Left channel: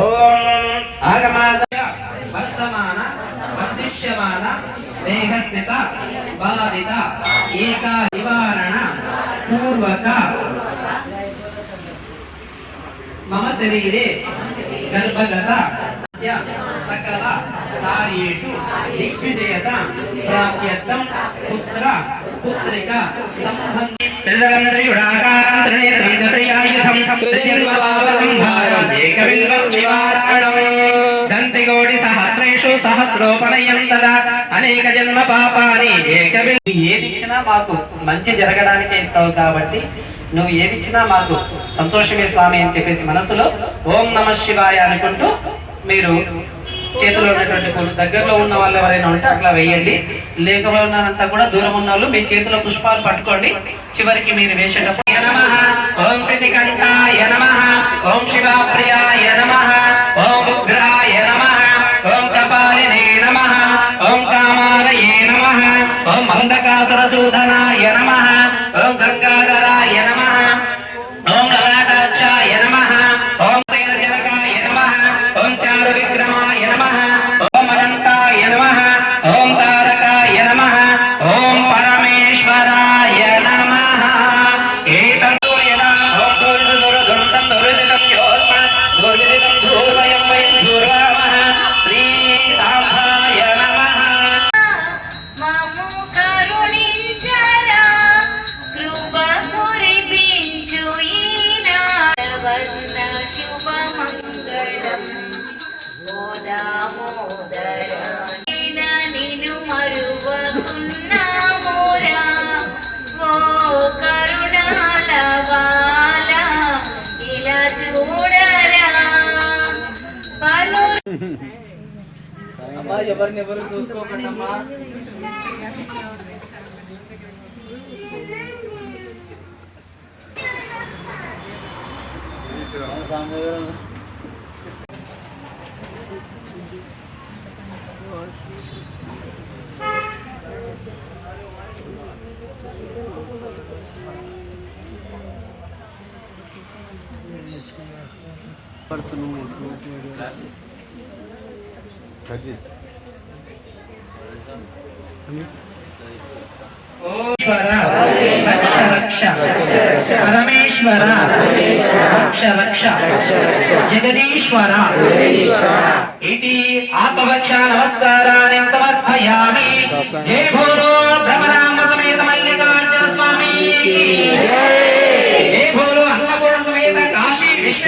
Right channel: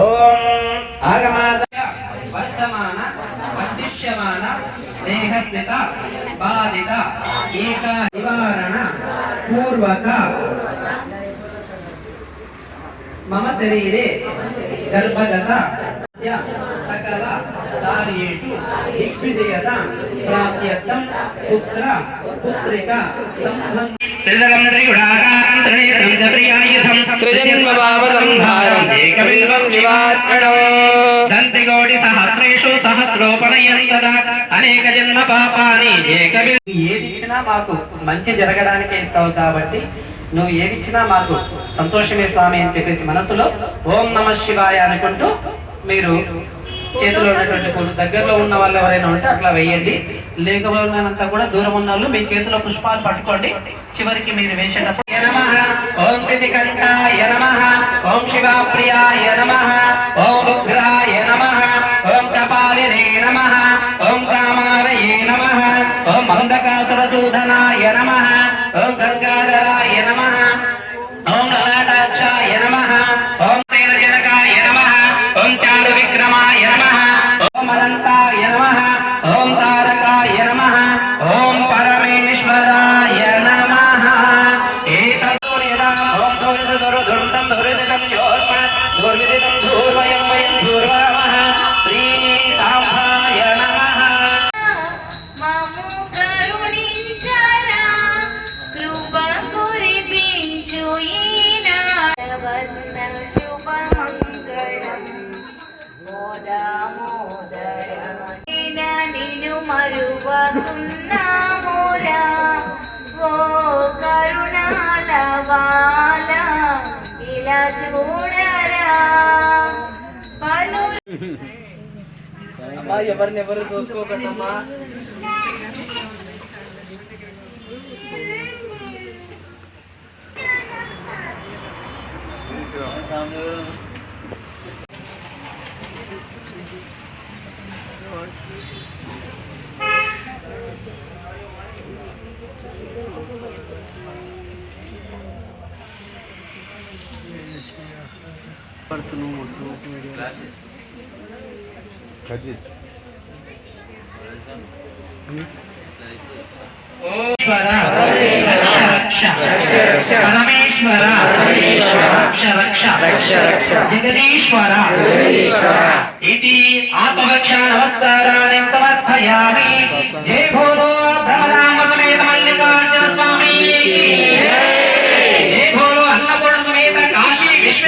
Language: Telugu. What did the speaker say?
ఓం ఆగమాద వర్తమాన వర్ధిష్యమాన దేహస్థిత బాధిత ఏక నివారణ పూర్వక మమ శరీరే గర్భగత సకల కార్యేషు దిగ్విజయత ప్రాప్త్యర్థం పుత్ర పుత్రిక సంబంధ త్రిదలం త్రిగుణాకారం త్రినేత్రం త్రియాయుధం త్రిజన్మపాపసంహారం ఏకబిల్వం శివార్పణం దంతికోటి సహస్రేషు సహస్రోపనయం తదా అనేక జన్మ పాపాని ఏకబిల్. ఏదిచ్చినా మాకు మంచి జరగడానికే ఇస్తావు కాబట్టి నువ్వు ఏదిచ్చినా మాకు సంతోషమే స్వామి అని చెప్పేసి మనసులో ఓం నమ శివాయ అనుకుంటూ మీరు చేతిలో ఉన్నటువంటి దగ్గరలో ఉన్న వాళ్ళు ఎవరైనా ఉంటే అట్లా వేయండి. లేకపోయినంతా కూడా దూరం ఉన్న వాళ్ళు మీ చేతిలో పుష్పాలు పట్టుకోండి. చివరికి మీరు వేసేటప్పుడు ఓం సిద్ధికంఠాయ నమః, ఓం శివప్రియాయ నమః, ఓం ఉగ్రాయ నమః, ఓం కపాలినే నమః, ఓం కామారయే నమః, ఓం అంధకాసురసూదనాయ నమః, ఓం గంగాధరాయ నమః, ఓం లలాటాక్షాయ నమః, ఓం సేనజనకాయ నమః, ఓం చారు విక్రమాయ నమః, ఓం అనంతాయ నమః, ఓం తారకాయ నమః, ఓం పరమేశ్వరాయ నమః. ఏతసూర్యదా ఓం ధూర్ధుర్ధుర్ధుర్ధం ధుర్ధితం యోస్మత్ ధుర్విదితం ధూర్వయం వయం ధూర్వామః శ్రీసాంబాయ నమః. అమ్మా ఎవరినెవరు చూసుకోకండి అమ్మా. పరమేశ్వర జగదీశ్వర ఇది ఆత్మవక్ష నమస్కారాన్ని సమర్పయామి. జై భోలో బ్రహ్మరామ సమేత మల్లికార్జున స్వామి, జై భోలో అన్నపూర్ణ సమేత కాశీ విశ్వ